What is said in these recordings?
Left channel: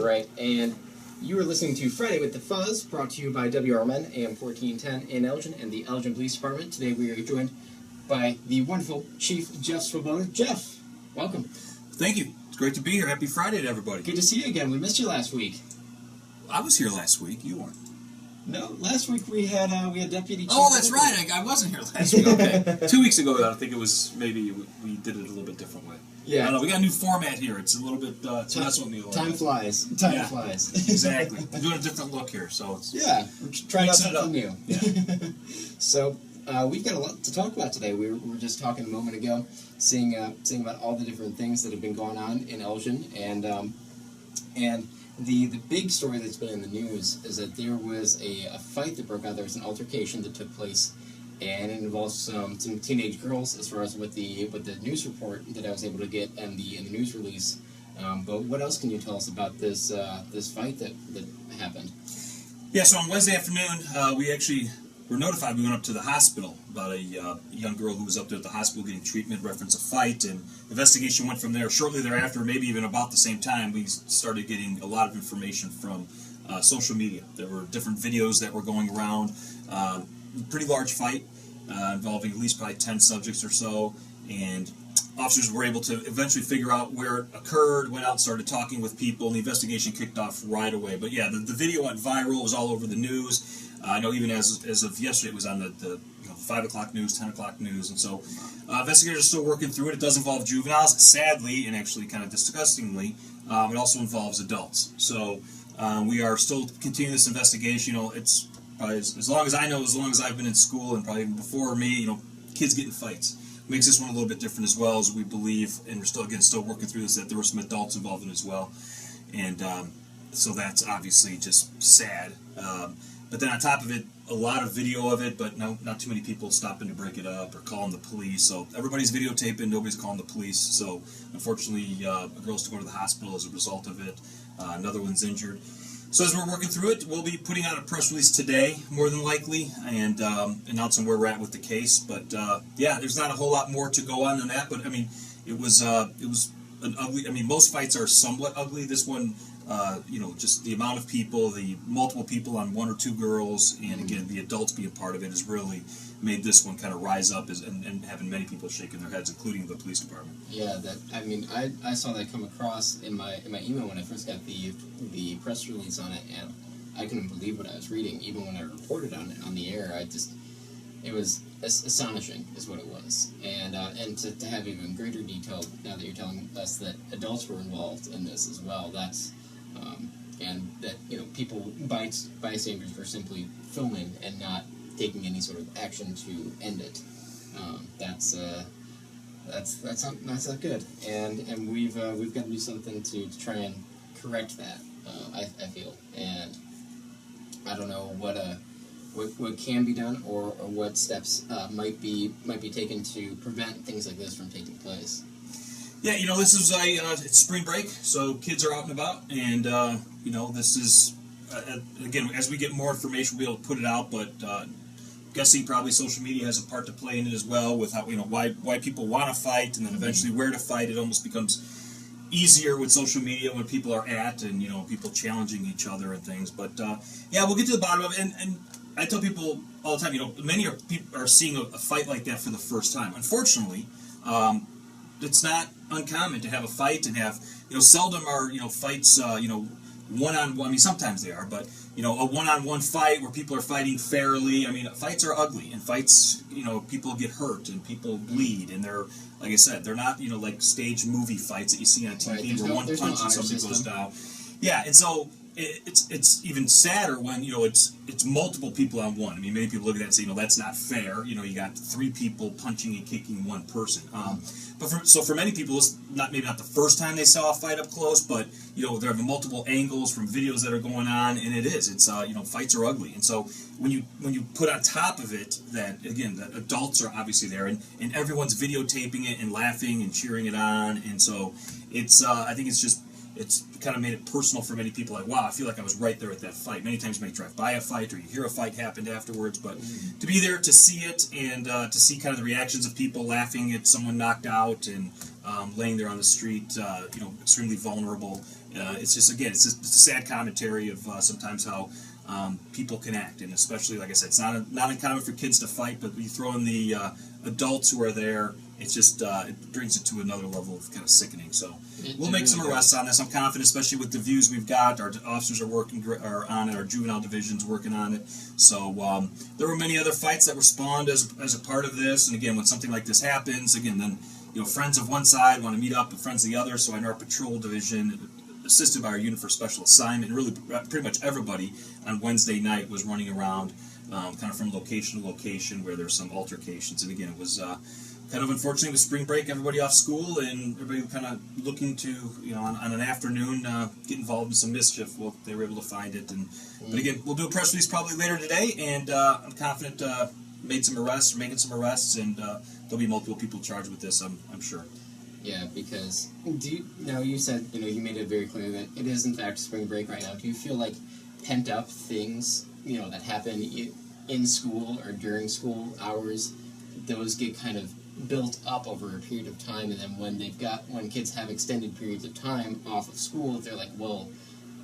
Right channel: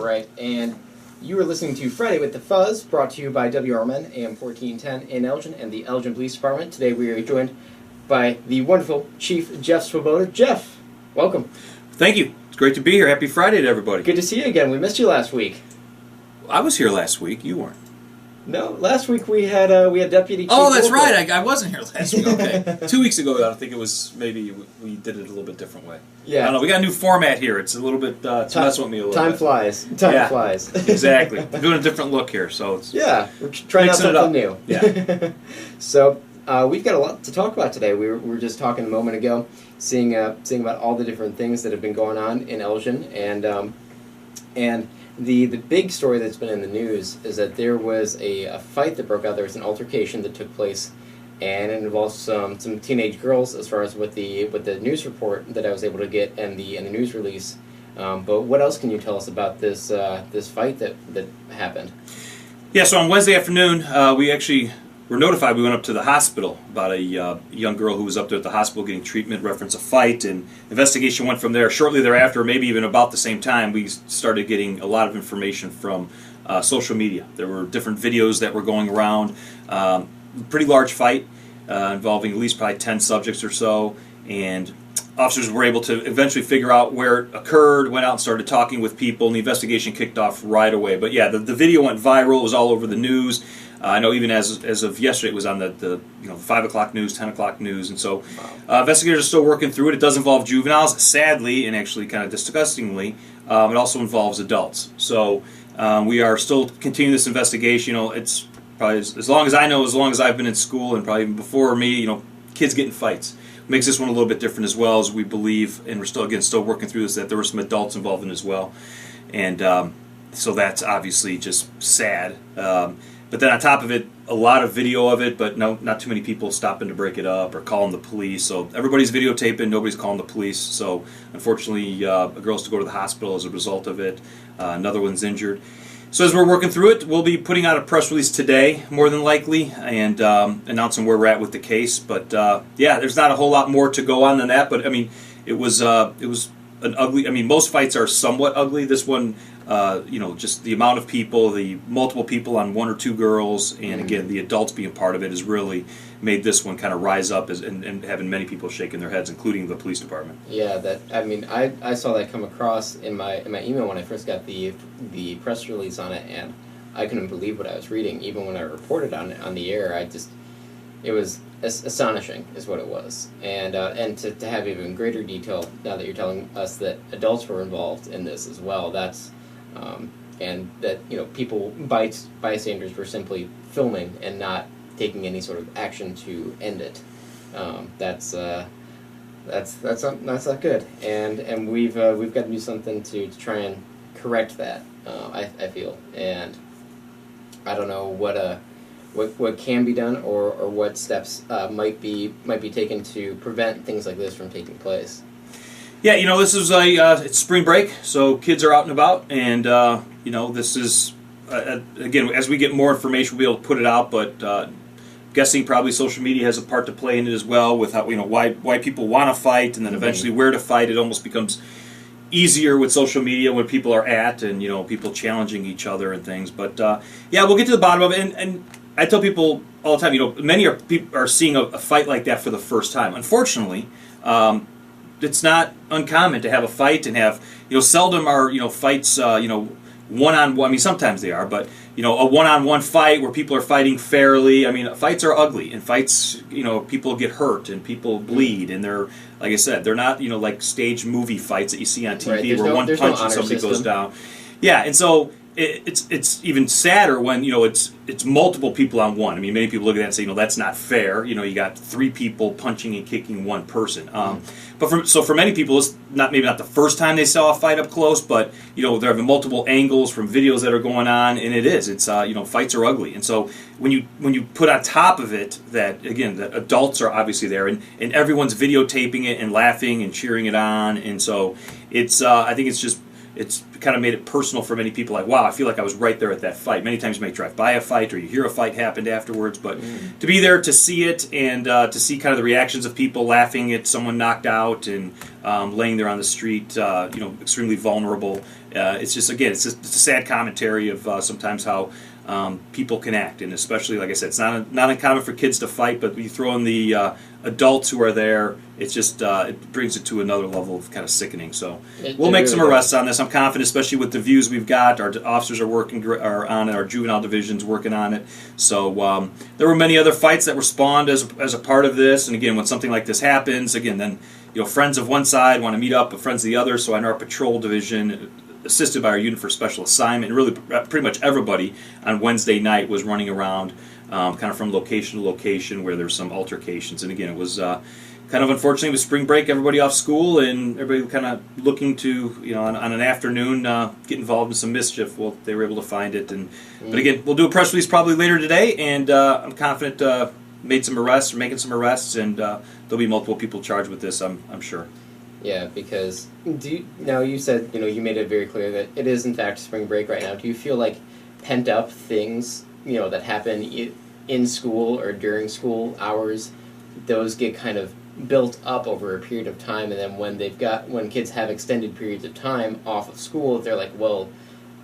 Right, and you are listening to Friday with the Fuzz, brought to you by WRMN, AM 1410 in Elgin, and the Elgin Police Department. Today we are joined by the wonderful Chief Jeff Swoboda. Jeff, welcome. Thank you. It's great to be here. Happy Friday to everybody. Good to see you again. We missed you last week. I was here last week. You weren't. No, last week we had Deputy Chief. Oh, that's right. I wasn't here last week. Okay. 2 weeks ago, I think it was, maybe we did it a little bit different way. Yeah. I don't know. We got a new format here. It's a little bit, it's messing with me a little Time bit. flies. Time flies. Exactly. We're doing a different look here, so it's... Yeah, we're trying out something new. Yeah. So, we've got a lot to talk about today. We were just talking a moment ago, seeing about all the different things that have been going on in Elgin, and the big story that's been in the news is that there was a fight that broke out. There was an altercation that took place, and it involves some teenage girls, as far as with the news report that I was able to get and the news release. But what else can you tell us about this fight that happened? Yeah, so on Wednesday afternoon, we actually were notified. We went up to the hospital about a young girl who was up there at the hospital getting treatment, reference a fight, and the investigation went from there. Shortly thereafter, maybe even about the same time, we started getting a lot of information from social media. There were different videos that were going around. Pretty large fight involving at least probably 10 subjects or so, and officers were able to eventually figure out where it occurred, went out and started talking with people, and the investigation kicked off right away. But yeah, the video went viral. It was all over the news. I know even as of yesterday, it was on the 5 o'clock news, 10 o'clock news, and so investigators are still working through it. It does involve juveniles, sadly, and actually kind of disgustingly, it also involves adults. So we are still continuing this investigation. It's probably as long as I know, as long as I've been in school, and probably even before me, kids get in fights. Makes this one a little bit different as well, as we believe, and we're still working through this, that there were some adults involved in it as well, and so that's obviously just sad. But then on top of it, a lot of video of it, but not too many people stopping to break it up or calling the police. So everybody's videotaping, nobody's calling the police. So unfortunately, a girl has to go to the hospital as a result of it. Another one's injured. So as we're working through it, we'll be putting out a press release today, more than likely, and announcing where we're at with the case. But yeah, there's not a whole lot more to go on than that. But I mean, it was an ugly. I mean, most fights are somewhat ugly. This one, just the amount of people, the multiple people on one or two girls, and again, the adults being part of it has really made this one kind of rise up and having many people shaking their heads, including the police department. Yeah, I saw that come across in my email when I first got the press release on it, and I couldn't believe what I was reading. Even when I reported on it on the air, it was astonishing, is what it was. And to have even greater detail now that you're telling us that adults were involved in this as well. That's and that people, bystanders, were simply filming and not taking any sort of action to end it. That's not good. And we've got to do something to try and correct that. I feel, and I don't know what can be done or what steps might be taken to prevent things like this from taking place. Yeah, this is it's spring break, so kids are out and about, and this is again, as we get more information, we'll be able to put it out. But guessing probably social media has a part to play in it as well, with how why people want to fight, and then eventually where to fight. It almost becomes easier with social media when people are at, and people challenging each other and things. But yeah, we'll get to the bottom of it. And I tell people all the time, many people are seeing a fight like that for the first time. Unfortunately, it's not uncommon to have a fight and have, seldom are, fights, one-on-one. I mean, sometimes they are, but, a one-on-one fight where people are fighting fairly. I mean, fights are ugly, and fights, people get hurt and people bleed, and they're, like I said, they're not, like staged movie fights that you see on TV, right, where one punch and somebody goes down. Yeah, and so it's even sadder when it's multiple people on one. I mean, many people look at that and say, that's not fair. You got three people punching and kicking one person. But for many people, it's maybe not the first time they saw a fight up close, but they're having multiple angles from videos that are going on, and it's fights are ugly. And so when you put on top of it that, again, the adults are obviously there, and everyone's videotaping it and laughing and cheering it on, and so it's I think it's kind of made it personal for many people. Like, wow, I feel like I was right there at that fight. Many times you may drive by a fight or you hear a fight happened afterwards, but to be there to see it and to see kind of the reactions of people laughing at someone knocked out and laying there on the street, extremely vulnerable, it's just it's a sad commentary of sometimes how people can act, and especially, like I said, it's not uncommon for kids to fight, but you throw in the adults who are there, it's just it brings it to another level of kind of sickening. So we'll make some arrests on this. I'm confident, especially with the views we've got. Our officers are on it. Our juvenile division's working on it. So there were many other fights that were spawned as a part of this. And again, when something like this happens, then friends of one side want to meet up with friends of the other. So in our patrol division, assisted by our unit for special assignment, and really pretty much everybody on Wednesday night was running around kind of from location to location where there's some altercations. And again, it was kind of unfortunately with spring break, everybody off school and everybody kind of looking to, on an afternoon, get involved in some mischief. Well, they were able to find it. But again, we'll do a press release probably later today, and I'm confident making some arrests, and there'll be multiple people charged with this, I'm sure. Yeah, because you said, you made it very clear that it is in fact spring break right now. Do you feel like pent up things, that happen in school or during school hours, those get kind of built up over a period of time, and then when kids have extended periods of time off of school, they're like, well,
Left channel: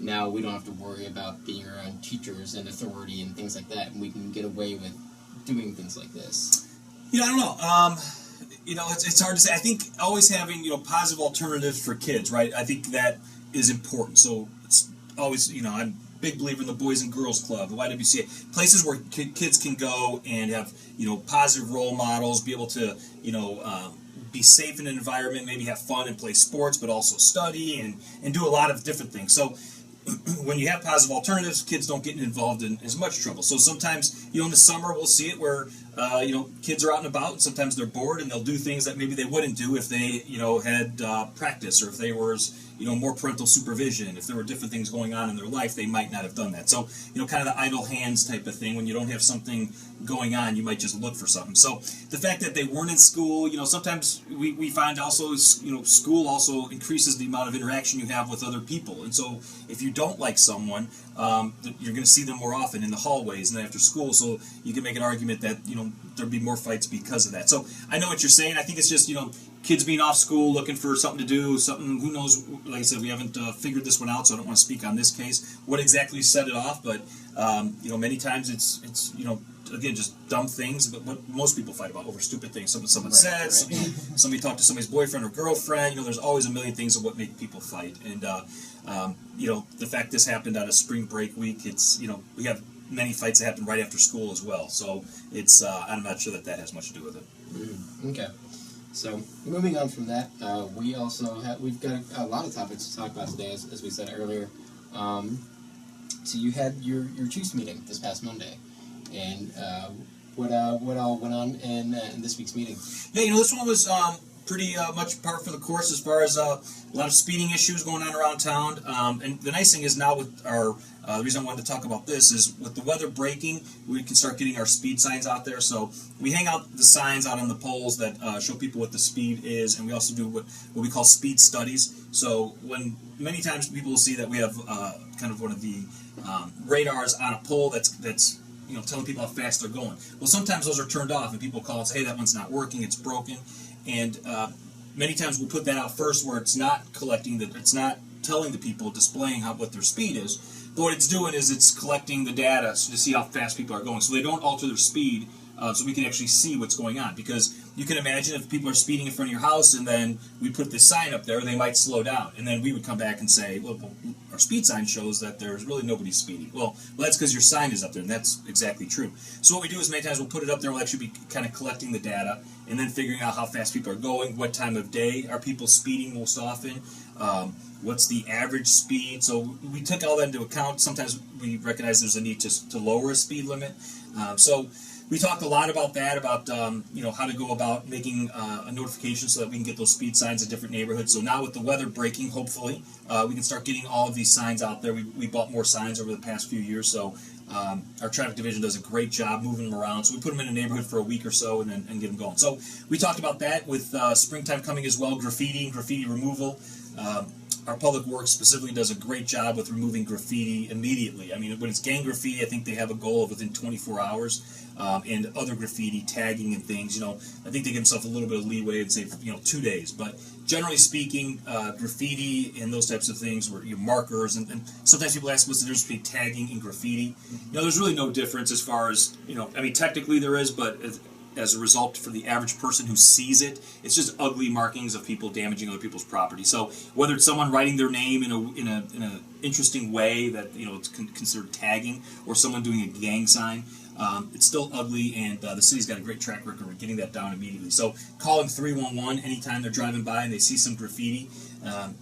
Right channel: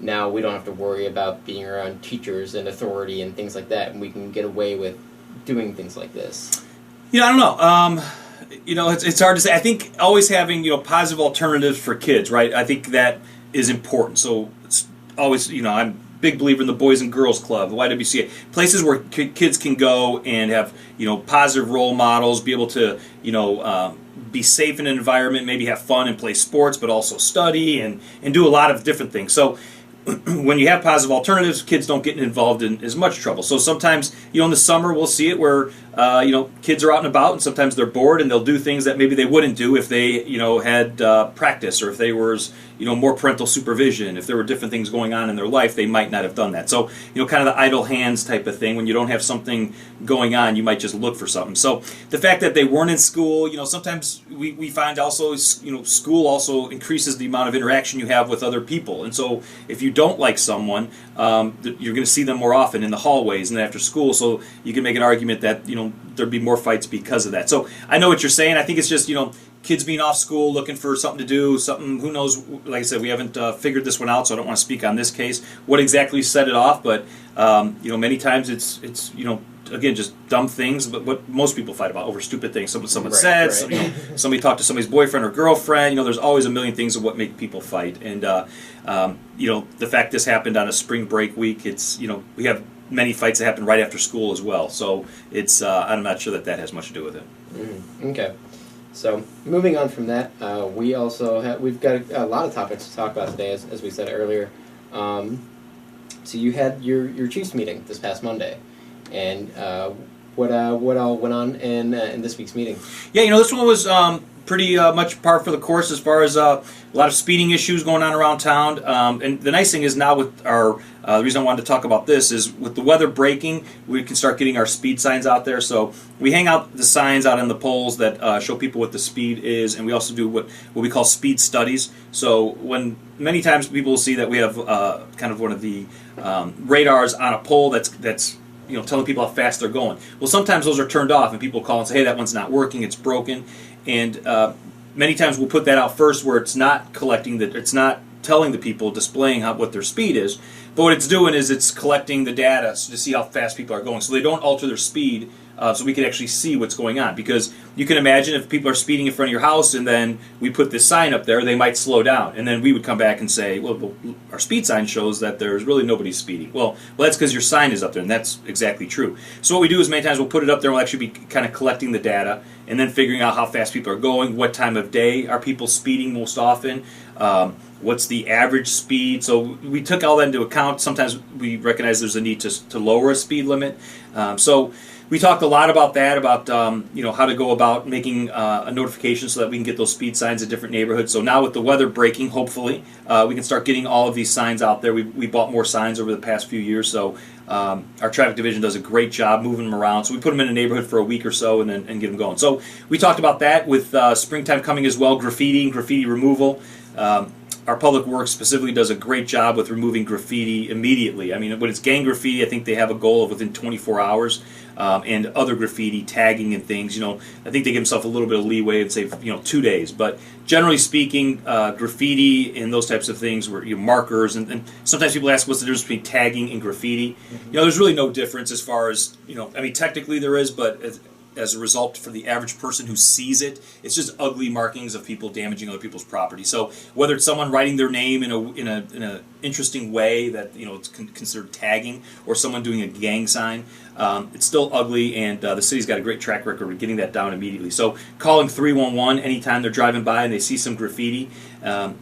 now we don't have to worry about being around teachers and authority and things like that, and we can get away with doing things like this? I don't know. It's hard to say. I think always having, positive alternatives for kids, right? I think that is important. So it's always, I'm a big believer in the Boys and Girls Club, the YWCA, places where kids can go and have, positive role models, be able to, be safe in an environment, maybe have fun and play sports, but also study and do a lot of different things. So when you have positive alternatives, kids don't get involved in as much trouble. So sometimes, in the summer, we'll see it where, kids are out and about, and sometimes they're bored, and they'll do things that maybe they wouldn't do if they, had practice, or if they was, more parental supervision. If there were different things going on in their life, they might not have done that. So, kind of the idle hands type of thing. When you don't have something going on, you might just look for something. So the fact that they weren't in school, sometimes we find also, school also increases the amount of interaction you have with other people. And so if you don't like someone, you're going to see them more often in the hallways and after school. So you can make an argument that, there'd be more fights because of that. So I know what you're saying. I think it's just, kids being off school, looking for something to do, something, who knows, like I said, we haven't figured this one out, so I don't want to speak on this case, what exactly set it off, but, many times it's again, just dumb things, but what most people fight about, over stupid things. Someone said, right. Somebody talked to somebody's boyfriend or girlfriend, there's always a million things of what make people fight, and, the fact this happened on a spring break week, it's, we have many fights that happen right after school as well, so it's, I'm not sure that has much to do with it. Okay. So, moving on from that, we've got a lot of topics to talk about today, as we said earlier. So you had your Chiefs meeting this past Monday, and what all went on in this week's meeting? Yeah, this one was pretty much par for the course as far as a lot of speeding issues going on around town. And the nice thing is now with our the reason I wanted to talk about this is with the weather breaking, we can start getting our speed signs out there. So we hang out the signs out on the poles that show people what the speed is, and we also do what we call speed studies. So when many times people will see that we have kind of one of the radars on a pole that's telling people how fast they're going. Well, sometimes those are turned off, and people call and say, hey, that one's not working, it's broken. And many times we'll put that out first where it's not it's not telling the people, displaying what their speed is. But what it's doing is it's collecting the data to see how fast people are going. So they don't alter their speed, so we can actually see what's going on. Because you can imagine if people are speeding in front of your house and then we put this sign up there, they might slow down. And then we would come back and say, well, our speed sign shows that there's really nobody speeding. Well, that's because your sign is up there, and that's exactly true. So what we do is many times we'll put it up there, we'll actually be kind of collecting the data and then figuring out how fast people are going, what time of day are people speeding most often, what's the average speed. So we took all that into account. Sometimes we recognize there's a need to lower a speed limit. So we talked a lot about that, about how to go about making a notification so that we can get those speed signs in different neighborhoods. So now with the weather breaking, hopefully, we can start getting all of these signs out there. We bought more signs over the past few years, so our traffic division does a great job moving them around. So we put them in a neighborhood for a week or so and get them going. So we talked about that with springtime coming as well, graffiti removal. our public works specifically does a great job with removing graffiti immediately. I mean, when it's gang graffiti, I think they have a goal of within 24 hours. And other graffiti, tagging and things, I think they give themselves a little bit of leeway and say, 2 days. But generally speaking, graffiti and those types of things, were markers, and sometimes people ask what's the difference between tagging and graffiti. There's really no difference as far as, technically there is, but as a result, for the average person who sees it, it's just ugly markings of people damaging other people's property. So whether it's someone writing their name in a interesting way that it's considered tagging, or someone doing a gang sign, it's still ugly, and the city's got a great track record of getting that down immediately. So calling 311 anytime they're driving by and they see some graffiti.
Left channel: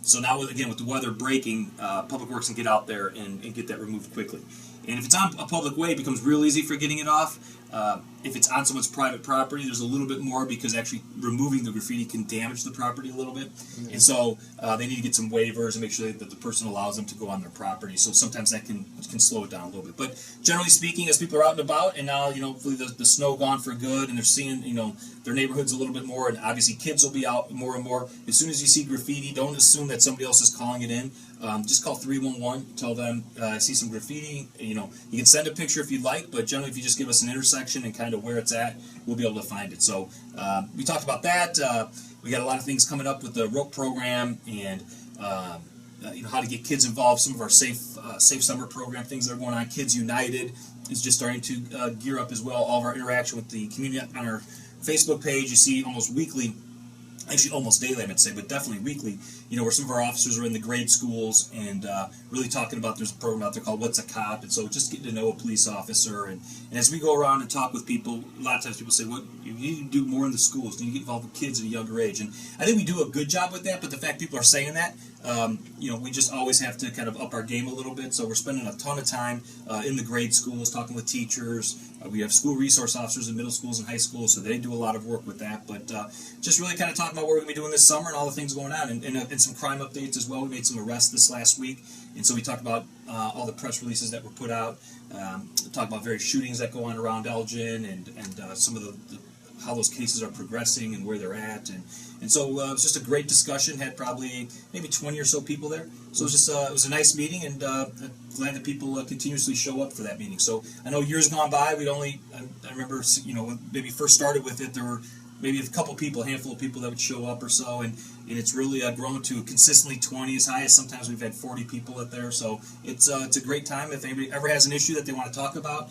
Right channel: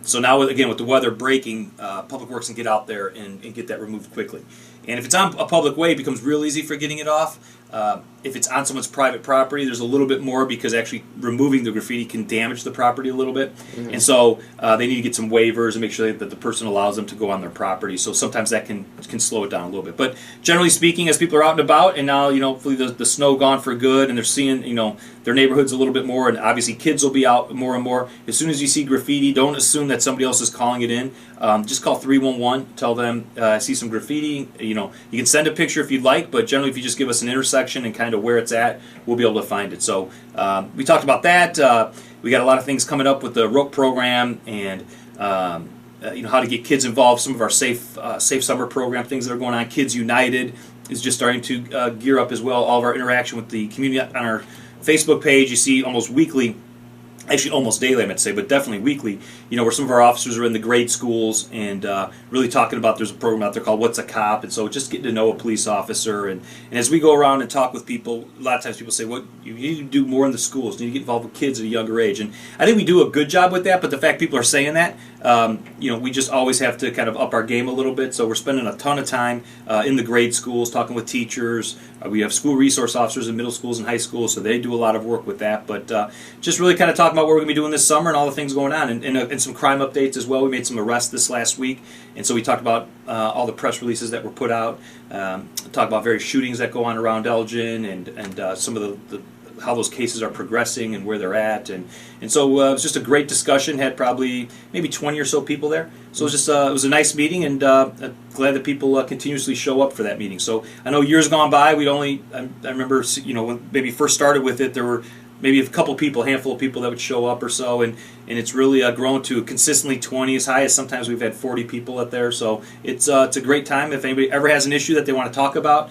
So now, again, with the weather breaking, Public Works can get out there and get that removed quickly. And if it's on a public way, it becomes real easy for getting it off. If it's on someone's private property, there's a little bit more, because actually removing the graffiti can damage the property a little bit. Mm-hmm. And so they need to get some waivers and make sure that the person allows them to go on their property. So sometimes that can slow it down a little bit. But generally speaking, as people are out and about, and now, hopefully the snow gone for good, and they're seeing, their neighborhoods a little bit more, and obviously kids will be out more and more. As soon as you see graffiti, don't assume that somebody else is calling it in. Just call 311, tell them, I see some graffiti. You can send a picture if you'd like, but generally if you just give us an intersection and kind of where it's at, we'll be able to find it. So we talked about that. We got a lot of things coming up with the ROPE program, and how to get kids involved. Some of our safe summer program things that are going on. Kids United is just starting to gear up as well. All of our interaction with the community on our Facebook page, you see almost weekly. Actually, almost daily, I meant to say, but definitely weekly, where some of our officers are in the grade schools and really talking about, there's a program out there called What's a Cop, and so just getting to know a police officer. And as we go around and talk with people, a lot of times people say, well, you need to do more in the schools, you need to get involved with kids at a younger age. And I think we do a good job with that, but the fact people are saying that, we just always have to kind of up our game a little bit. So we're spending a ton of time in the grade schools, talking with teachers. We have school resource officers in middle schools and high schools, so they do a lot of work with that. But just really kind of talking about what we're going to be doing this summer and all the things going on, and some crime updates as well. We made some arrests this last week, and so we talked about all the press releases that were put out, talked about various shootings that go on around Elgin, and some of the how those cases are progressing and where they're at, and so it was just a great discussion. Had probably maybe 20 or so people there, so it was just it was a nice meeting, and glad that people continuously show up for that meeting. So I know years gone by, I remember when maybe first started with it, there were maybe a handful of people that would show up or so, and it's really grown to consistently 20, as high as sometimes we've had 40 people up there. So it's a great time. If anybody ever has an issue that they want to talk about,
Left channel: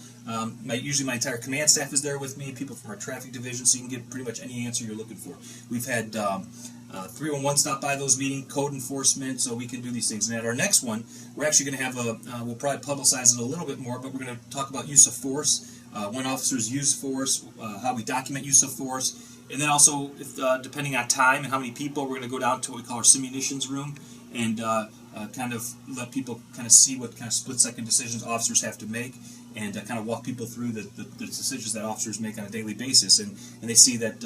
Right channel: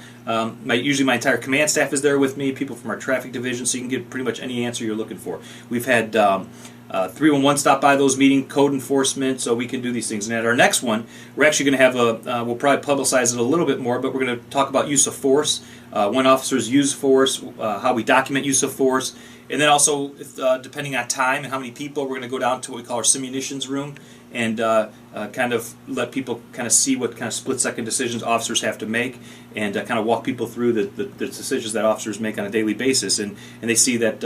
usually my entire command staff is there with me, people from our traffic division, so you can get pretty much any answer you're looking for. We've had 311 stop by those meetings, code enforcement, so we can do these things. And at our next one, we're actually going to have we'll probably publicize it a little bit more, but we're going to talk about use of force, when officers use force, how we document use of force. And then also, depending on time and how many people, we're going to go down to what we call our simunitions room, and kind of let people kind of see what kind of split-second decisions officers have to make, and kind of walk people through the decisions that officers make on a daily basis. And they see that,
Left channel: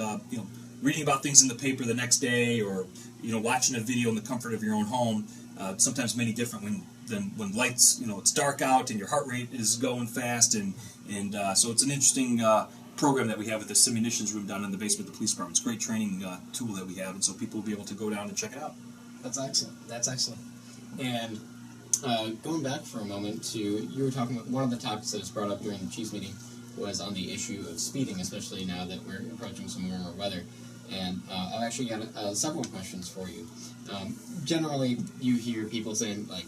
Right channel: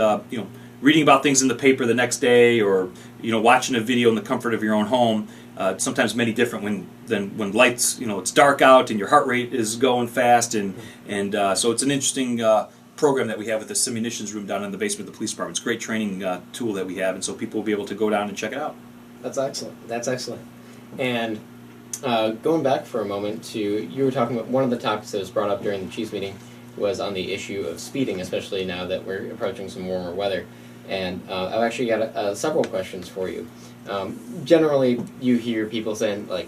reading about things in the paper the next day, or watching a video in the comfort of your own home, sometimes many different than when lights, it's dark out and your heart rate is going fast, and so it's an interesting program that we have with the simunitions room down in the basement of the police department. It's a great training tool that we have, and so people will be able to go down and check it out. That's excellent. And going back for a moment to, you were talking about one of the topics that was brought up during the Chiefs meeting was on the issue of speeding, especially now that we're approaching some warmer weather. And I've actually got several questions for you. Generally, you hear people saying, like,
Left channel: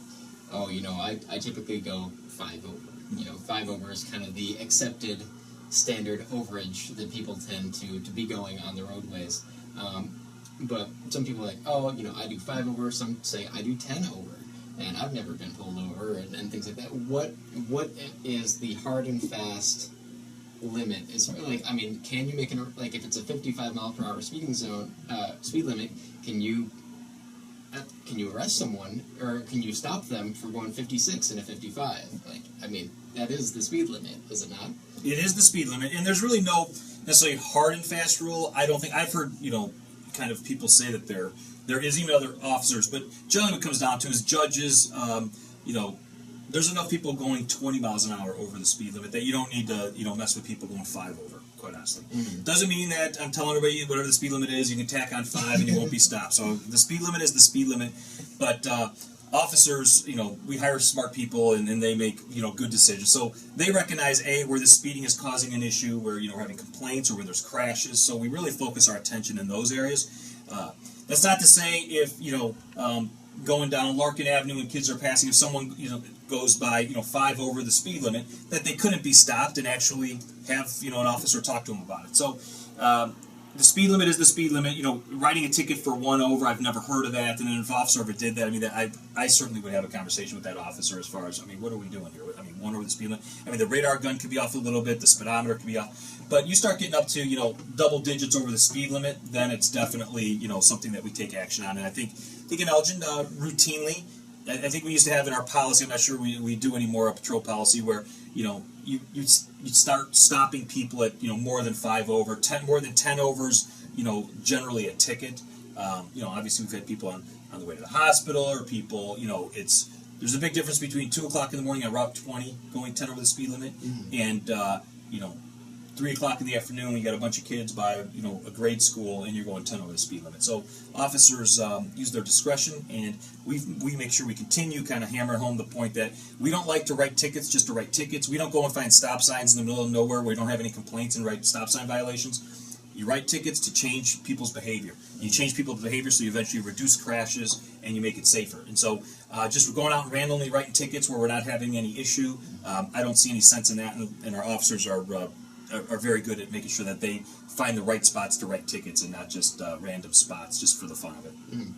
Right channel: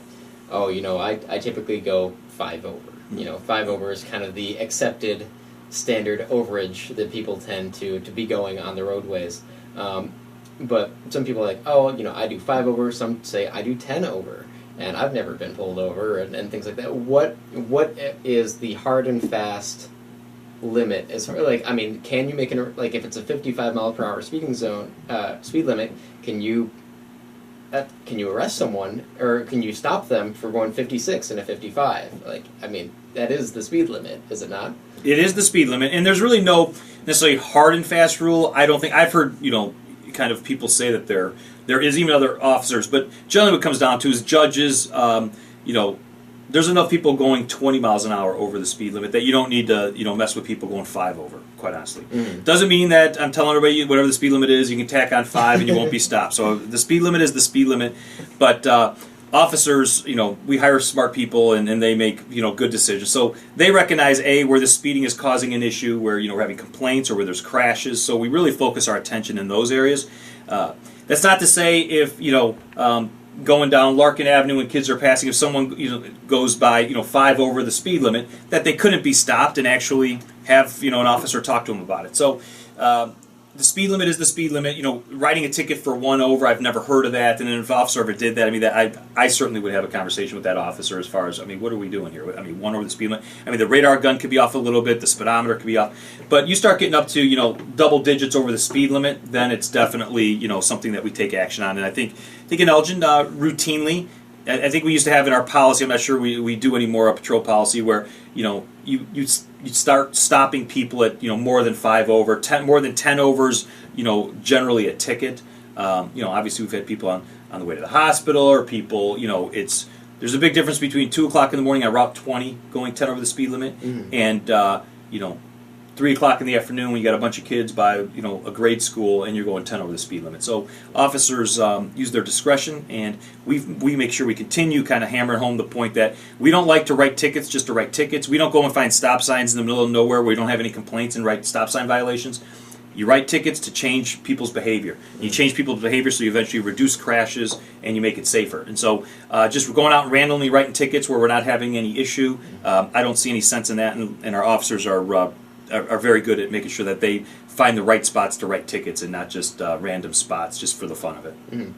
oh, I typically go 5 over. 5 over is kind of the accepted standard overage that people tend to be going on the roadways. But some people are like, oh, I do 5 over. Some say I do 10 over, and I've never been pulled over, and things like that. What is the hard and fast limit? As like, can you make if it's a 55 mile per hour speed limit, can you arrest someone, or can you stop them for going 56 in a 55? That is the speed limit, is it not? It is the speed limit, and there's really no necessarily hard and fast rule. I don't think I've heard kind of people say that there is, even other officers, but generally what it comes down to is judges. There's enough people going 20 miles an hour over the speed limit that you don't need to mess with people going 5 over. Quite honestly, doesn't mean that I'm telling everybody whatever the speed limit is, you can tack on 5 and you won't be stopped. So the speed limit is the speed limit. But officers, we hire smart people, and they make, good decisions. So they recognize, A, where the speeding is causing an issue, where, we're having complaints or where there's crashes. So we really focus our attention in those areas. That's not to say if, going down Larkin Avenue and kids are passing, if someone goes by 5 over the speed limit, that they couldn't be stopped and actually have an officer talk to them about it. So the speed limit is the speed limit. Writing a ticket for 1 over, I've never heard of that. And if an officer ever did that, I certainly would have a conversation with that officer as far as, what are we doing here? 1 over the speed limit. The radar gun could be off a little bit, the speedometer could be off. But you start getting up to, double digits over the speed limit, then it's definitely, something that we take action on. And I think in Elgin, routinely, I think we used to have in our policy, I'm not sure we do anymore, a patrol policy where, you start stopping people at, more than 5 over, more than 10 overs, generally a ticket. Obviously we've had people on the way to the hospital, or people, there's a big difference between 2 o'clock in the morning on Route 20 going 10 over the speed limit, and, 3 o'clock in the afternoon when you got a bunch of kids by a grade school and you're going 10 over the speed limit. So officers use their discretion, and we make sure we continue kind of hammering home the point that we don't like to write tickets just to write tickets. We don't go and find stop signs in the middle of nowhere where we don't have any complaints and write stop sign violations. You write tickets to change people's behavior. You change people's behavior so you eventually reduce crashes and you make it safer. And so just going out and randomly writing tickets where we're not having any issue, I don't see any sense in that, and our officers are very good at making sure that they find the right spots to write tickets and not just random spots just for the fun of it. Mm-hmm.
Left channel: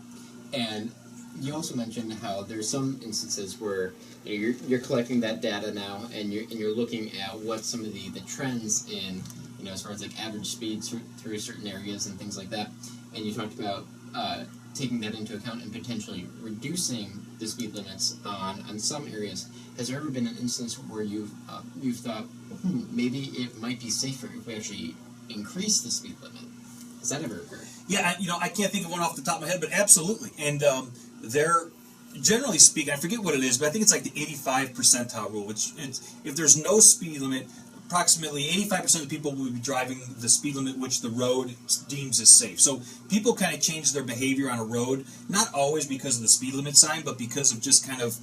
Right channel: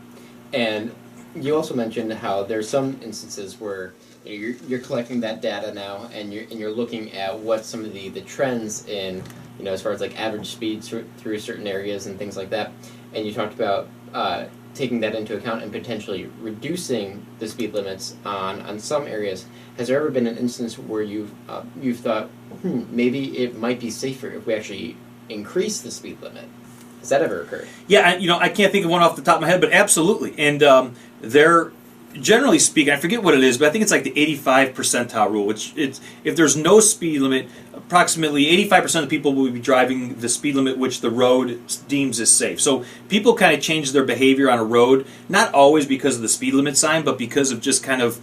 And you also mentioned how there's some instances where you're collecting that data now, and you're looking at what some of the trends in as far as like average speeds through certain areas and things like that. And you talked about taking that into account and potentially reducing the speed limits on some areas. Has there ever been an instance where you've thought, maybe it might be safer if we actually increase the speed limit? Has that ever occurred? Yeah, I can't think of one off the top of my head, but absolutely. And they're, generally speaking, I forget what it is, but I think it's like the 85 percentile rule, which if there's no speed limit, approximately 85% of people will be driving the speed limit which the road deems is safe. So people kind of change their behavior on a road, not always because of the speed limit sign, but because of just kind of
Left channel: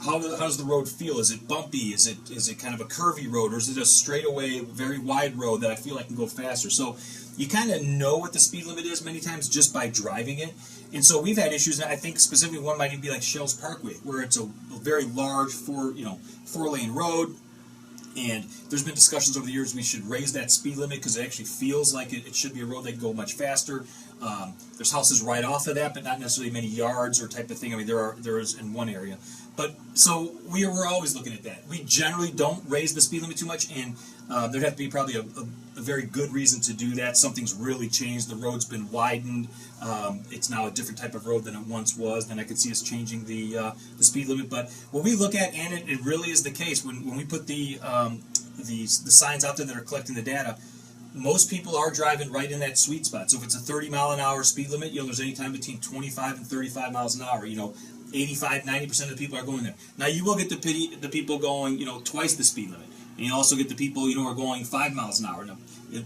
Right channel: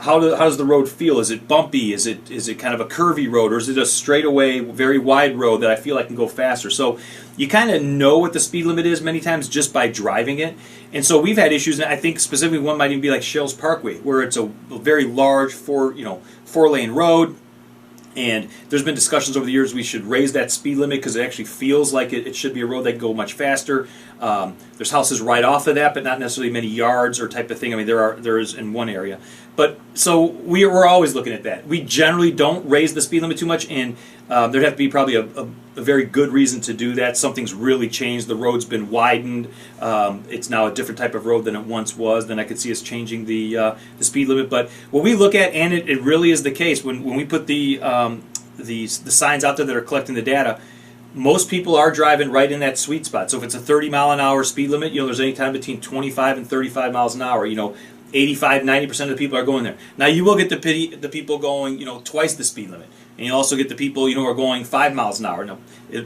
how does the road feel? Is it bumpy? Is it kind of a curvy road, or is it a straightaway, very wide road that I feel I can go faster? So you kind of know what the speed limit is many times just by driving it. And so we've had issues, and I think specifically one might even be like Shales Parkway, where it's a very large four-lane road. And there's been discussions over the years we should raise that speed limit because it actually feels like it should be a road that can go much faster. There's houses right off of that, but not necessarily many yards or type of thing. There is in one area. But so we're always looking at that. We generally don't raise the speed limit too much, and there'd have to be probably a very good reason to do that. Something's really changed. The road's been widened. It's now a different type of road than it once was. Then I could see us changing the speed limit. But what we look at, and it really is the case, when we put the signs out there that are collecting the data, most people are driving right in that sweet spot. So if it's a 30-mile-an-hour speed limit, there's any time between 25 and 35 miles an hour. 85, 90% of the people are going there. Now you will get the people going, twice the speed limit. And you also get the people, who are going 5 miles an hour. Now,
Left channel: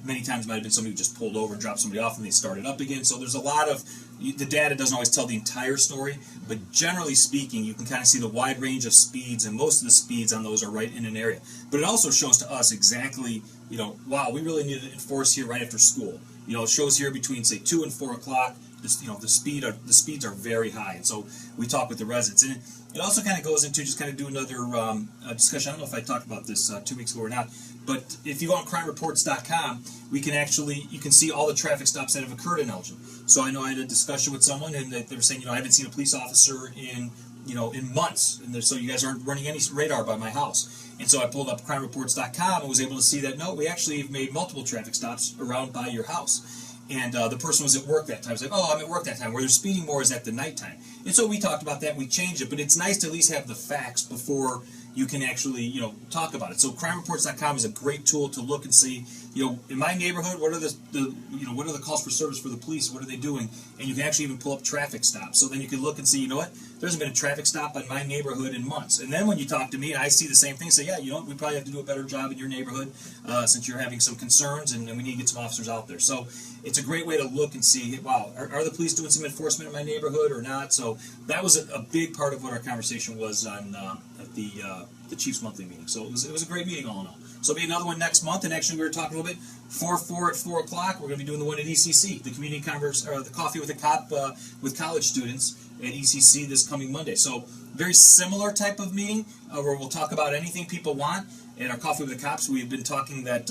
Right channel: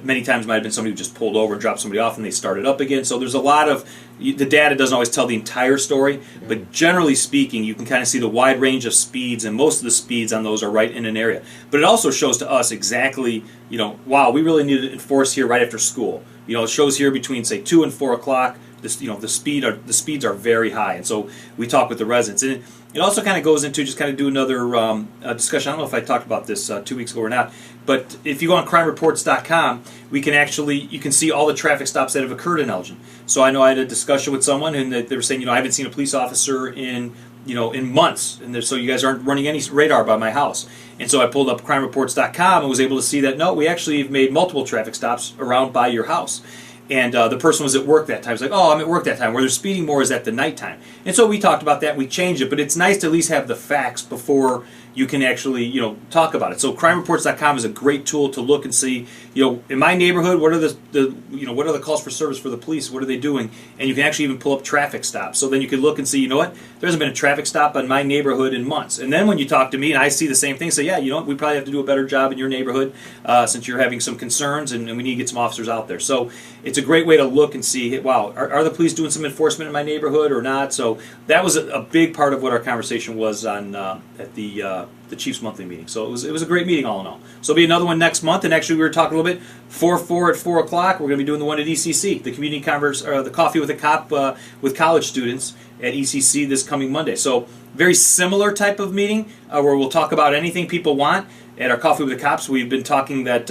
many times it might have been somebody who just pulled over and dropped somebody off and they started up again. So there's a lot of, the data doesn't always tell the entire story, but generally speaking, you can kind of see the wide range of speeds, and most of the speeds on those are right in an area. But it also shows to us exactly, wow, we really need to enforce here right after school. It shows here between, say, 2 and 4 o'clock. The speeds are very high, and so we talk with the residents. And it also kind of goes into just kind of do another discussion. I don't know if I talked about this 2 weeks ago or not, but if you go on crimereports.com, you can see all the traffic stops that have occurred in Elgin. So I know I had a discussion with someone, and they were saying, I haven't seen a police officer in months, and so you guys aren't running any radar by my house. And so I pulled up crimereports.com and was able to see that, no, we actually have made multiple traffic stops around by your house. And the person was at work that time. It's like, I'm at work that time. Where they're speeding more is at the nighttime. And so we talked about that. We changed it. But it's nice to at least have the facts before you can actually, talk about it. So crimereports.com is a great tool to look and see, in my neighborhood, what are what are the calls for service for the police? What are they doing? And you can actually even pull up traffic stops. So then you can look and see, there hasn't been a traffic stop in my neighborhood in months. And then when you talk to me and I see the same thing, say, we probably have to do a better job in your neighborhood since you're having some concerns, and we need to get some officers out there. So it's it's a great way to look and see, wow, are the police doing some enforcement in my neighborhood or not? So that was a big part of what our conversation was on at the Chiefs monthly meeting. So it was a great meeting all in all. So it'll be another one next month, and actually we were talking a little bit, 4 at 4 o'clock, we're going to be doing the one at ECC, the community the Coffee with a Cop with college students at ECC this coming Monday. So very similar type of meeting where we'll talk about anything people want. At our Coffee with the Cops, we've been talking that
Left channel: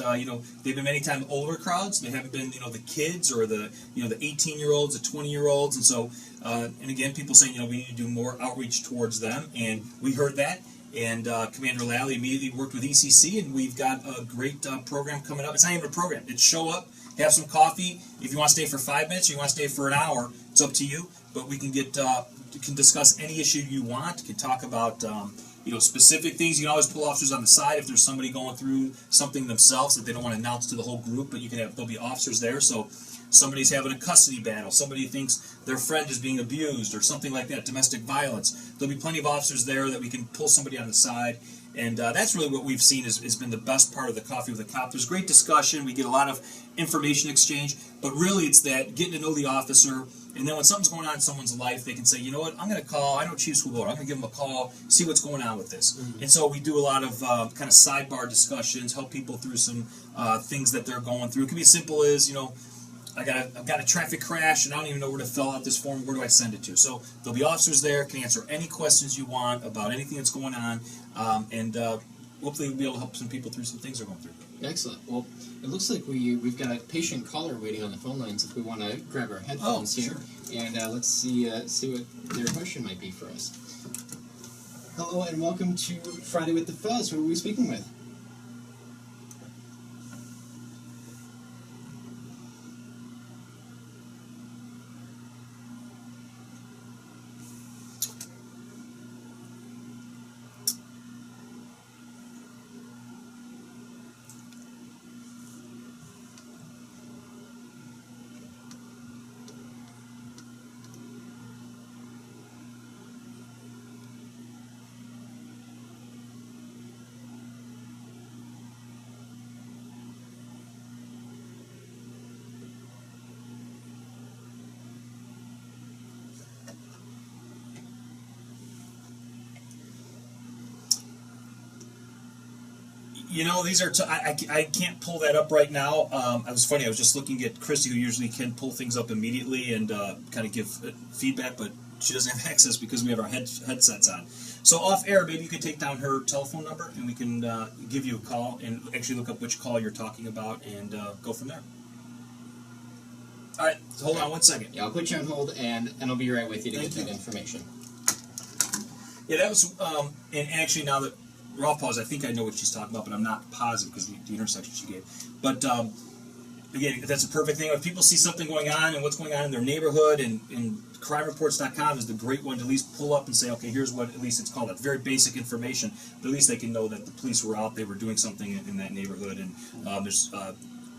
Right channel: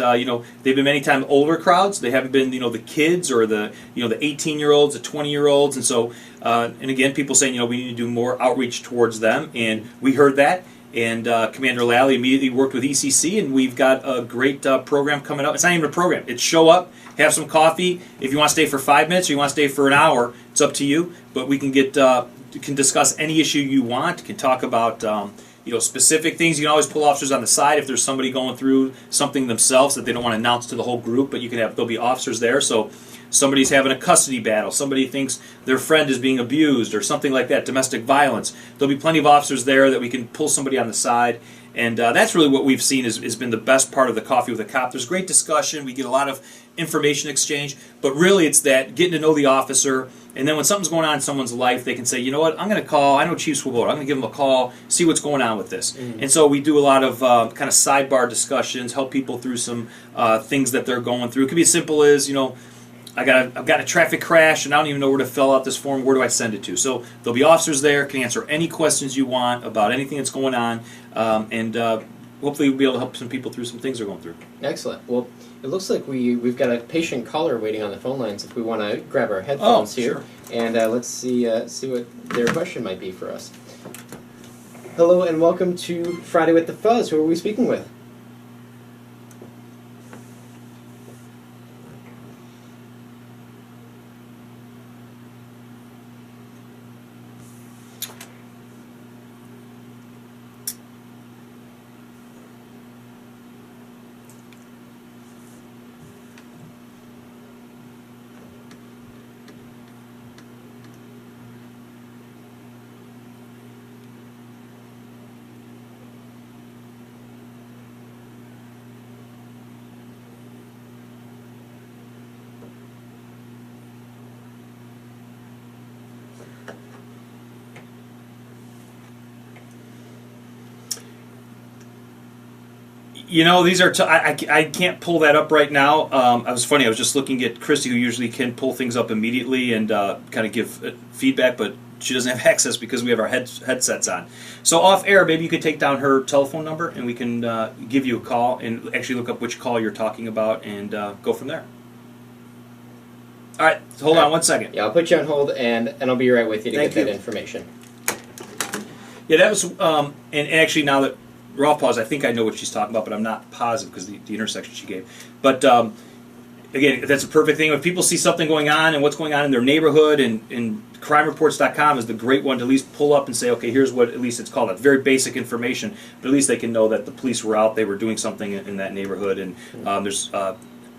they've been many times older crowds. They haven't been the kids or the 18-year-olds, the 20-year-olds, and so and again, people saying we need to do more outreach towards them, and we heard that. And Commander Lally immediately worked with ECC, and we've got a great program coming up. It's not even a program; it's show up, have some coffee. If you want to stay for 5 minutes or you want to stay for an hour, it's up to you. But we can can discuss any issue you want. Can talk about. Specific things. You can always pull officers on the side if there's somebody going through something themselves that they don't want to announce to the whole group, but there'll be officers there. So somebody's having a custody battle, somebody thinks their friend is being abused or something like that, domestic violence. There'll be plenty of officers there that we can pull somebody on the side. And that's really what we've seen has been the best part of the Coffee with a Cop. There's great discussion. We get a lot of information exchange. But really it's that getting to know the officer. And then when something's going on in someone's life, they can say, you know what, I'm going to call. I know Chief Swoboda. I'm going to give him a call, see what's going on with this. Mm-hmm. And so we do a lot of kind of sidebar discussions, help people through some things that they're going through. It could be as simple as, I've got a traffic crash and I don't even know where to fill out this form. Where do I send it to? So there'll be officers there, can answer any questions you want about anything that's going on, and hopefully we'll be able to help some people through some things they're going through. Excellent. Well, it looks like we've got a patient caller waiting on the phone lines. If we want to grab our headphones here, sure. And let's see what their question might be for us. Hello and welcome to Friday with the Fuzz. Who are we speaking with? These are. I can't pull that up right now. I was just looking at Christy, who usually can pull things up immediately and kind of give feedback, but she doesn't have access because we have our headsets on. So off air, maybe you could take down her telephone number and we can give you a call and actually look up which call you're talking about and go from there. All right, so hold on 1 second. Yeah, I'll put you on hold and I'll be right with you to get that information. Yeah, that was and actually now that we're off pause, I think I know what she's talking about, but I'm not positive because the intersection she gave. But again, that's a perfect thing. If people see something going on and what's going on in their neighborhood, and crimereports.com is the great one to at least pull up and say, okay, here's what at least it's called. It's very basic information, but at least they can know that the police were out, they were doing something in that neighborhood, and there's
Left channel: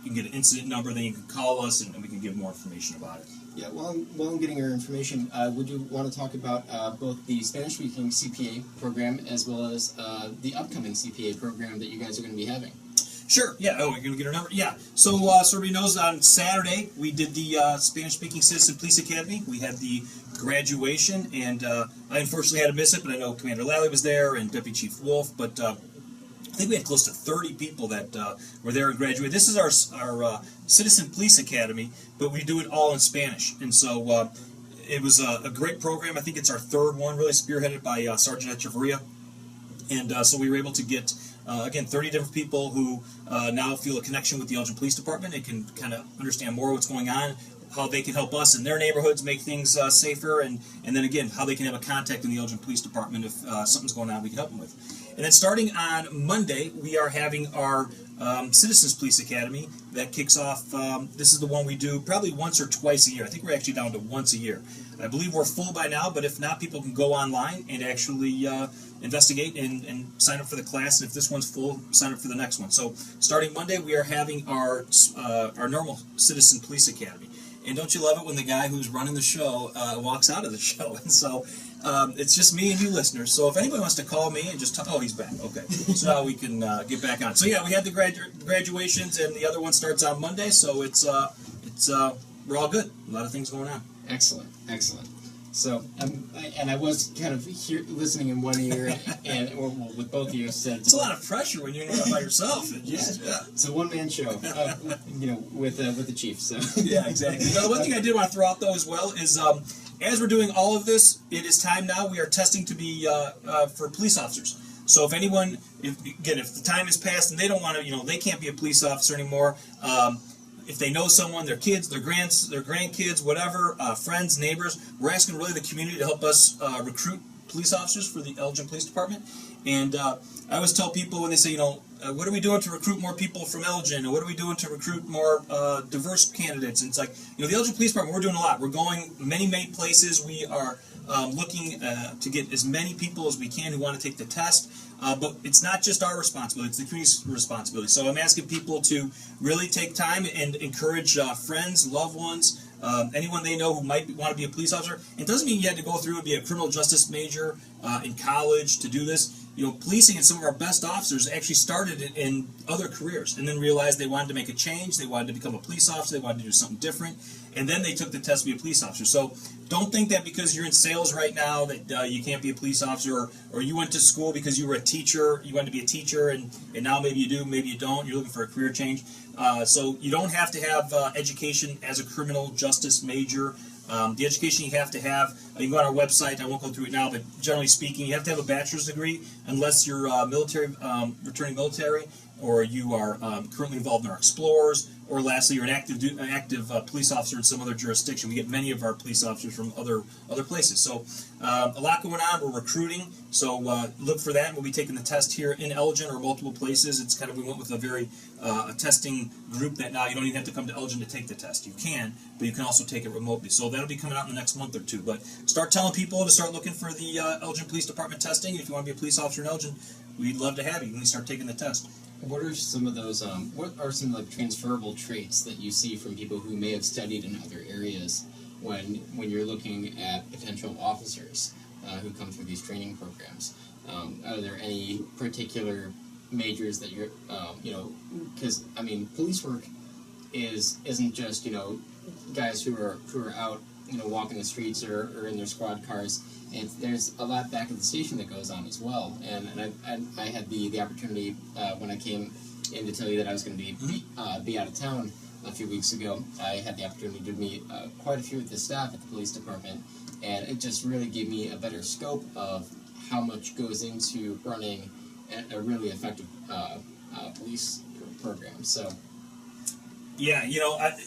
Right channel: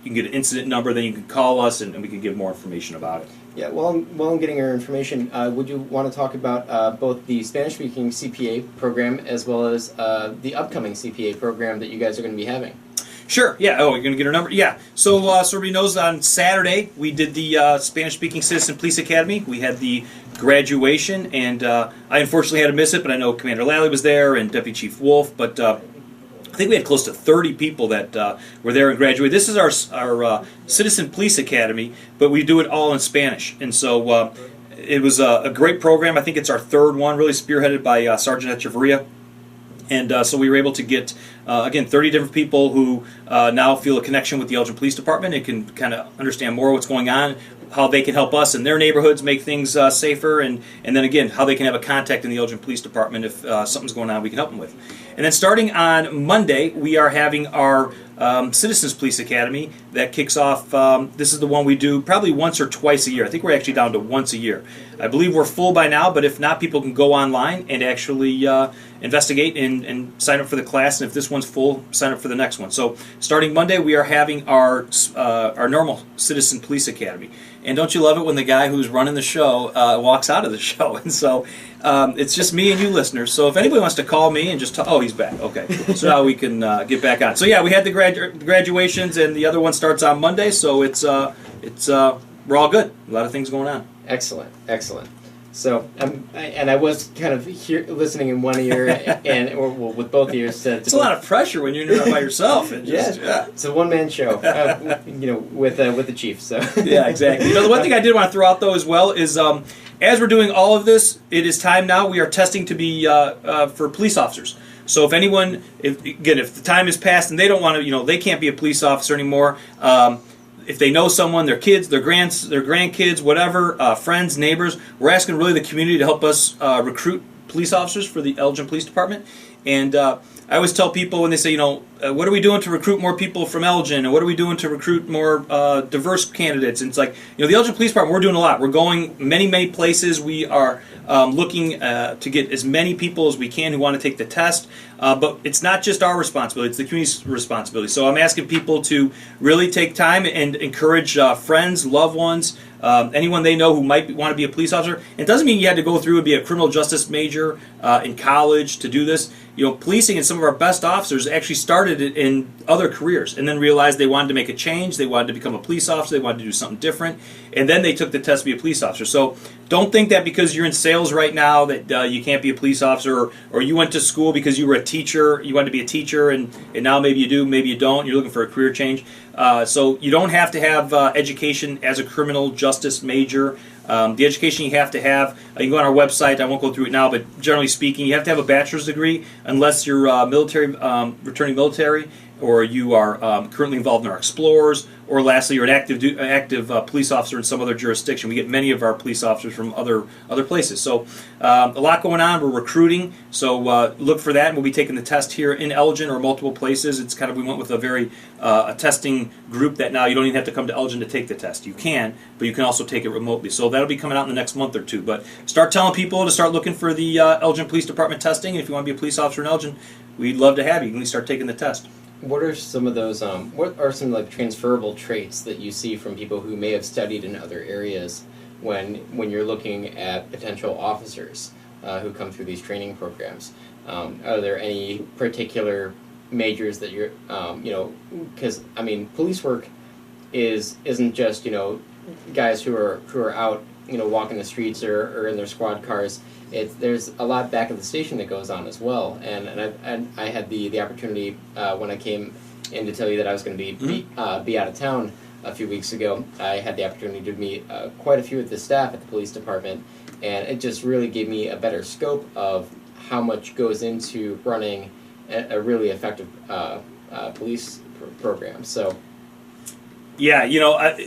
you can get an incident number, then you can call us and we can give more information about it. Yeah, while I'm getting your information, would you want to talk about both the Spanish-speaking CPA program as well as the upcoming CPA program that you guys are going to be having? Sure, yeah. Oh, you're going to get her number? Yeah. So everybody knows on Saturday we did the Spanish-speaking Citizen Police Academy. We had the graduation, and I unfortunately had to miss it, but I know Commander Lally was there and Deputy Chief Wolf, but I think we had close to 30 people that were there and graduated. This is our Citizen Police Academy, but we do it all in Spanish. And so it was a great program. I think it's our third one, really spearheaded by Sergeant Echeverria. And so we were able to get, again, 30 different people who now feel a connection with the Elgin Police Department and can kind of understand more what's going on, how they can help us in their neighborhoods make things safer, and then again, how they can have a contact in the Elgin Police Department if something's going on we can help them with. And then starting on Monday, we are having our Citizens Police Academy that kicks off. This is the one we do probably once or twice a year. I think we're actually down to once a year. I believe we're full by now, but if not, people can go online and actually investigate and sign up for the class. And if this one's full, sign up for the next one. So starting Monday, we are having our normal Citizen Police Academy. And don't you love it when the guy who's running the show walks out of the show? And so it's just me and you listeners. So if anybody wants to call me and just talk, oh, he's back. Okay. So now we can get back on. So yeah, we had the graduations, and the other one starts on Monday. So it's it's we're all good. A lot of things going on. Excellent. So, I was kind of listening in one ear or with both ears. It's a lot of pressure when you're not by yourself. It's a one-man show, with the chief. So yeah, exactly. The one thing I did want to throw out though as well is as we're doing all of this, it is time now. We are testing to be for police officers. So if anyone, if the time has passed and they don't want to, they can't be a police officer anymore. If they know someone, their kids, their grandkids, whatever, friends, neighbors, we're asking really the community to help us recruit police officers for the Elgin Police Department. And I always tell people when they say, what are we doing to recruit more people from Elgin, and what are we doing to recruit more diverse candidates? And it's like, the Elgin Police Department, we're doing a lot. We're going many places. We are looking to get as many people as we can who want to take the test. But it's not just our responsibility, it's the community's responsibility. So I'm asking people to really take time and encourage friends, loved ones, anyone they know who might want to be a police officer. It doesn't mean you had to go through and be a criminal justice major in college to do this. Policing and some of our best officers actually started in other careers and then realized they wanted to make a change, they wanted to become a police officer, they wanted to do something different, and then they took the test to be a police officer. So don't think that because you're in sales right now that you can't be a police officer, or you went to school because you were a teacher, you wanted to be a teacher, and now maybe you do, maybe you don't, you're looking for a career change. So you don't have to have education as a criminal justice major. The education you have to have, you can go on our website, I won't go through it now, but generally speaking, you have to have a bachelor's degree unless you're returning military, or you are currently involved in our Explorers, or lastly, you're an active police officer in some other jurisdiction. We get many of our police officers from other places. So a lot going on. We're recruiting, so look for that. And we'll be taking the test here in Elgin or multiple places. It's kind of, we went with a testing group that now you don't even have to come to Elgin to take the test. You can, but you can also take it remotely. So that'll be coming out in the next month or two. But start telling people to start looking for the Elgin Police Department testing. And if you want to be a police officer in Elgin, we'd love to have you. You can start taking the test. What are some of those? What are some transferable traits that you see from people who may have studied in other areas when you're looking at potential officers who come through these training programs? Are there any particular majors that you're because police work isn't just guys who are out walking the streets or in their squad cars. There's a lot back at the station that goes on as well, and I had the opportunity when I came in to tell you that I was going to be out of town a few weeks ago. I had the opportunity to meet quite a few of the staff at the police department, and it just really gave me a better scope of how much goes into running a really effective police program. So, yeah,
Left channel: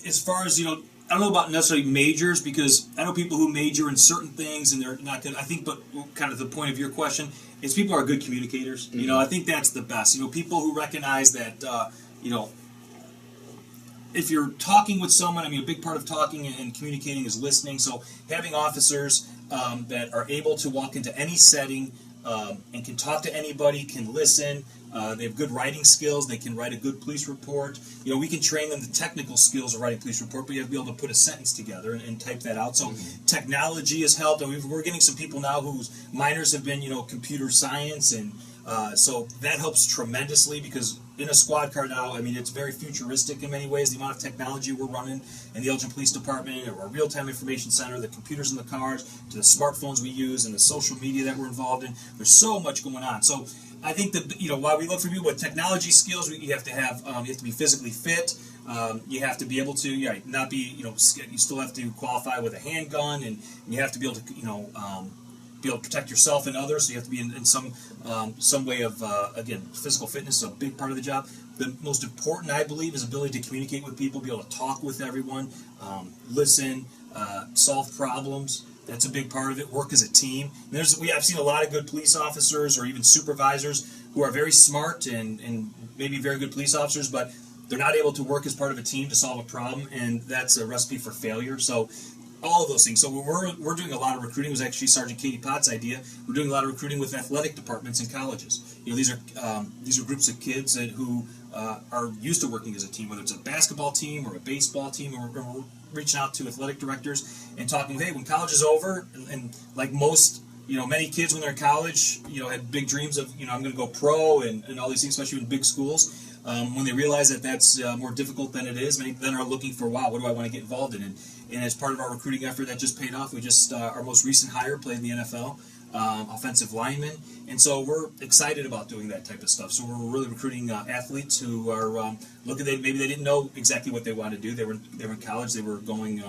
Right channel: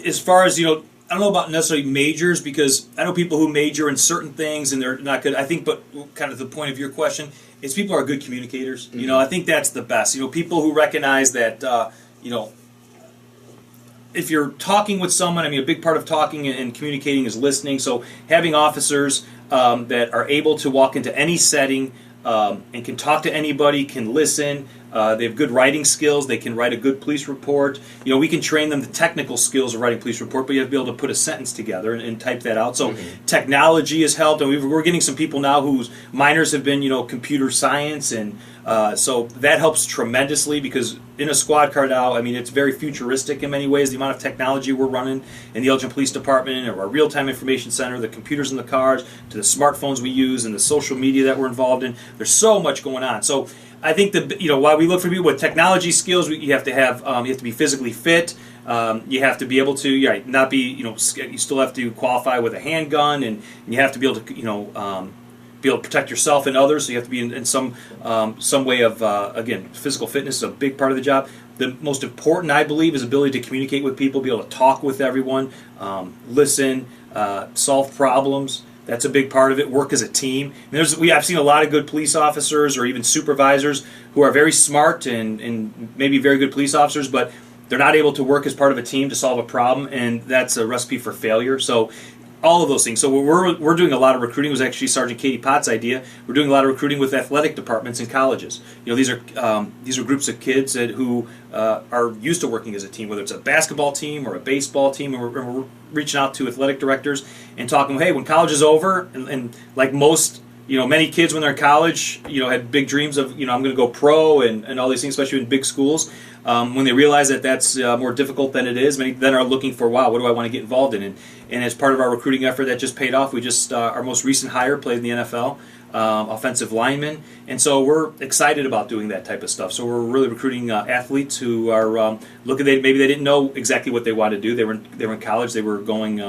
as far as I don't know about necessarily majors, because I know people who major in certain things and they're not good. I think, but kind of the point of your question is people are good communicators. Mm-hmm. I think that's the best. People who recognize that, if you're talking with someone, a big part of talking and communicating is listening. So having officers that are able to walk into any setting and can talk to anybody, can listen. They have good writing skills. They can write a good police report. We can train them the technical skills of writing a police report, but you have to be able to put a sentence together and type that out. So technology has helped. And we're getting some people now whose minors have been, computer science. And so that helps tremendously, because in a squad car now, it's very futuristic in many ways, the amount of technology we're running in the Elgin Police Department, or our real-time information center, the computers in the cars, to the smartphones we use, and the social media that we're involved in. There's so much going on. So I think that while we look for people with technology skills, you have to have you have to be physically fit. You have to be able to not be you still have to qualify with a handgun, and you have to be able to be able to protect yourself and others. So you have to be in some way of again, physical fitness is a big part of the job. The most important, I believe, is ability to communicate with people, be able to talk with everyone, listen, solve problems. That's a big part of it. Work as a team. And I've seen a lot of good police officers or even supervisors who are very smart and maybe very good police officers, but they're not able to work as part of a team to solve a problem, and that's a recipe for failure. So all of those things. So we're doing a lot of recruiting. It was actually Sergeant Katie Potts' idea. We're doing a lot of recruiting with athletic departments in colleges. These are groups of kids who are used to working as a team, whether it's a basketball team or a baseball team, and we're reaching out to athletic directors and talking, hey, when college is over, and like most many kids when they're in college, had big dreams of, I'm going to go pro and all these things, especially in big schools. When they realize that that's more difficult than it is, many then are looking for, wow, what do I want to get involved in? And as part of our recruiting effort that just paid off, we just, our most recent hire played in the NFL, offensive lineman. And so we're excited about doing that type of stuff. So we're really recruiting athletes who are looking, maybe they didn't know exactly what they wanted to do. They were in college. They were going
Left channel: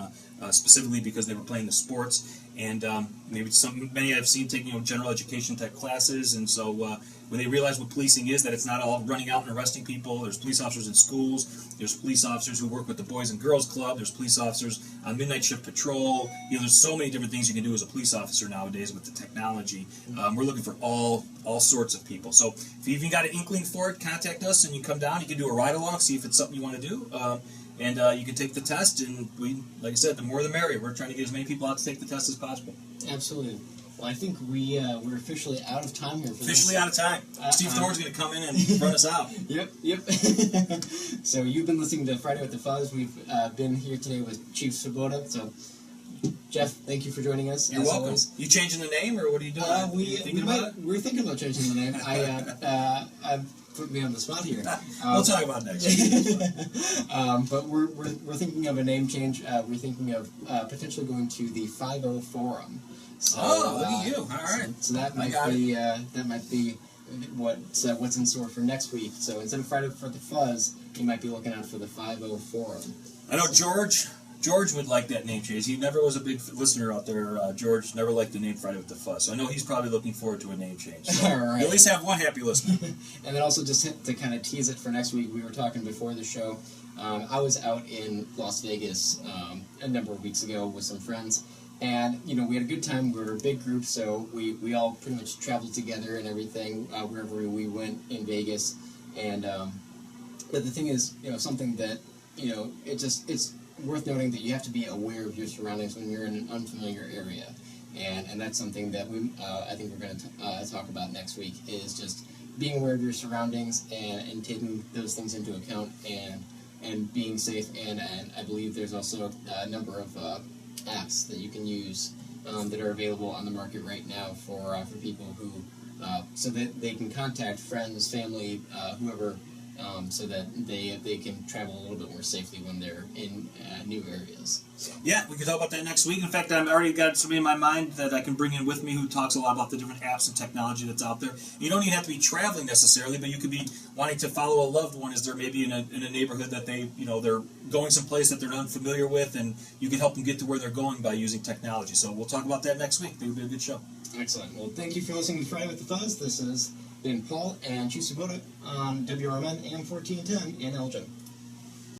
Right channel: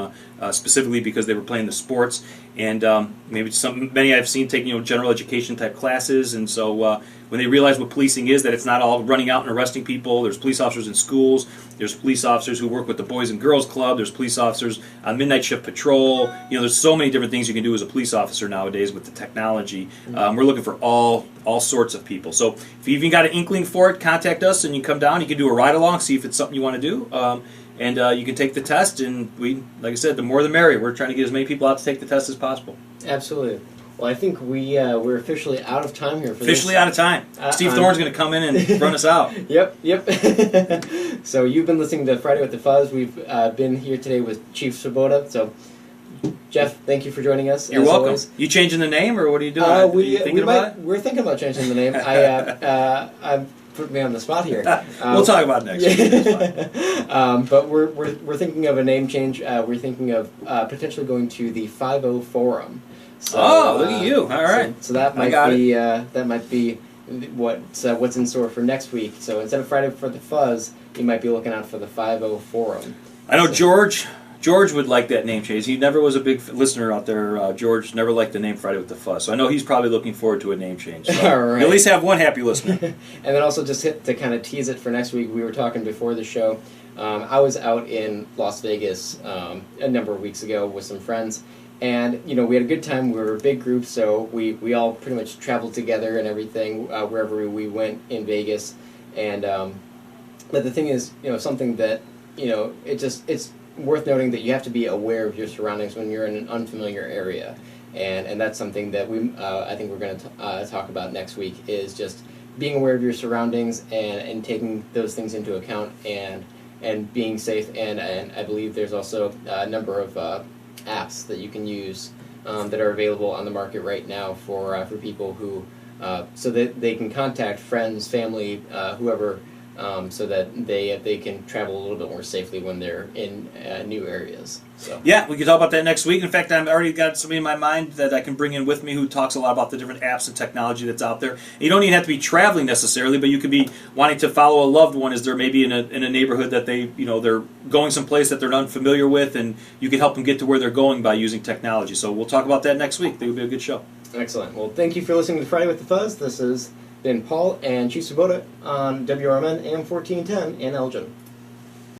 specifically because they were playing the sports. And many I've seen take general education type classes. And so when they realize what policing is, that it's not all running out and arresting people. There's police officers in schools. There's police officers who work with the Boys and Girls Club. There's police officers on midnight shift patrol. There's so many different things you can do as a police officer nowadays with the technology. We're looking for all sorts of people. So if you even got an inkling for it, contact us and you come down. You can do a ride along, see if it's something you want to do. And you can take the test, and like I said, the more the merrier. We're trying to get as many people out to take the test as possible. Absolutely. Well, I think we're officially out of time here for Officially out of time. Steve Thorne's going to come in and run us out. Yep. So you've been listening to Friday with the Fuzz. We've been here today with Chief Swoboda. So, Jeff, thank you for joining us. You're welcome. Always. You changing the name, or what are you doing? We're thinking about changing the name. I'm putting me on the spot here. We'll talk about it next week. But we're thinking of a name change. We're thinking of potentially going to the 5-0 Forum. So, look at you! All right. So that might be what's in store for next week. So instead of Friday for the Fuzz, you might be looking out for the 5-0 Forum. I know George would like that name change. He never was a big listener out there. George never liked the name Friday with the Fuzz. So I know he's probably looking forward to a name change. So all right. At least have one happy listener. And then also just to kind of tease it for next week, we were talking before the show. I was out in Las Vegas a number of weeks ago with some friends. And, we had a good time. We were a big group, so we all pretty much traveled together and everything wherever we went in Vegas. And but the thing is, something that, it's worth noting that you have to be aware of your surroundings when you're in an unfamiliar area. And that's something that I think we're going to talk about next week, is just being aware of your surroundings and taking those things into account and being safe. And I believe there's also a number of apps that you can use that are available on the market right now for people who so that they can contact friends, family, whoever, so that they can travel a little bit more safely when they're in new areas. So. Yeah, we can talk about that next week. In fact, I've already got somebody in my mind that I can bring in with me who talks a lot about the different apps and technology that's out there. And you don't even have to be traveling necessarily, but you could be wanting to follow a loved one as they're maybe in a neighborhood that they're going someplace that they're unfamiliar with, and you can help them get to where they're going by using technology. So we'll talk about that next week. I think it'll be a good show. Excellent. Well, thank you for listening to Friday with the Fuzz. This has been Paul and Chief Swoboda on WRMN AM 1410 in Elgin.